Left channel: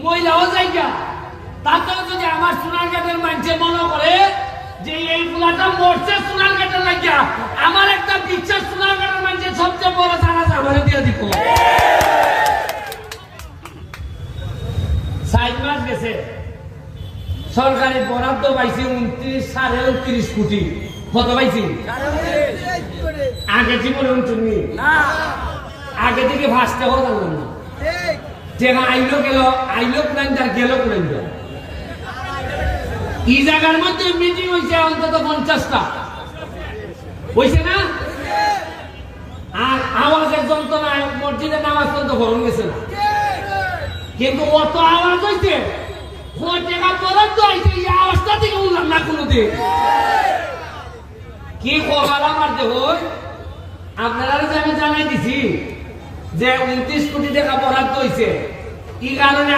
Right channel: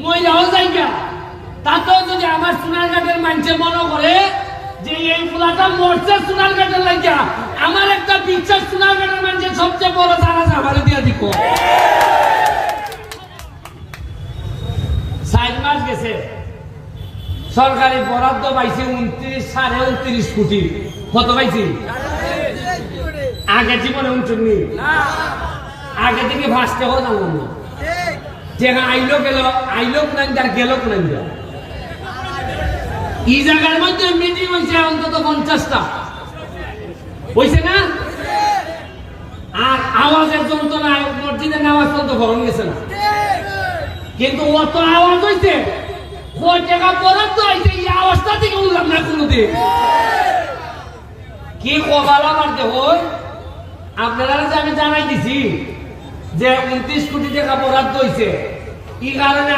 মইরাও জায়গা তাতেও যদি আমার সোনারঘাটের মানুষে মনে করে যে এই ফুলাটা মরছে সোনারঘাটের লাগিয়া, আমার একটা বিশ্বাস সোনারঘাটের মানুষের সবচেয়ে বড় জানাজা ঘরে দিয়ে দিব। 4 মাস গেছে, সরকারি বরাদ্দ পাইছি 29.29 কোটি। কত পাইছি? আগে জীবনে 29, আগে থেকে ভাসতে হতো না। টেকা আইলো গেল, আইলো কোন গেল কোন। এই জায়গার মধ্যে মিটিং হয়েছে অন্তত 50টা, হয়েছে না? আর আওয়াজের যন্ত্রণায় মসজিদে নামাজ পর্যন্ত গরম গেছে না, কিন্তু অত আওয়াজ হয়েছে টাকা বরাদ্দ হয়েছে, এই আওয়াজটা থেকে উঠলাম না কোনোদিন। কি কপাল আমার দেহ! আপনারা যে আমি জানাই দিছি যে 29 কোটি টাকা বরাদ্দ হয়েছে, কি কারণে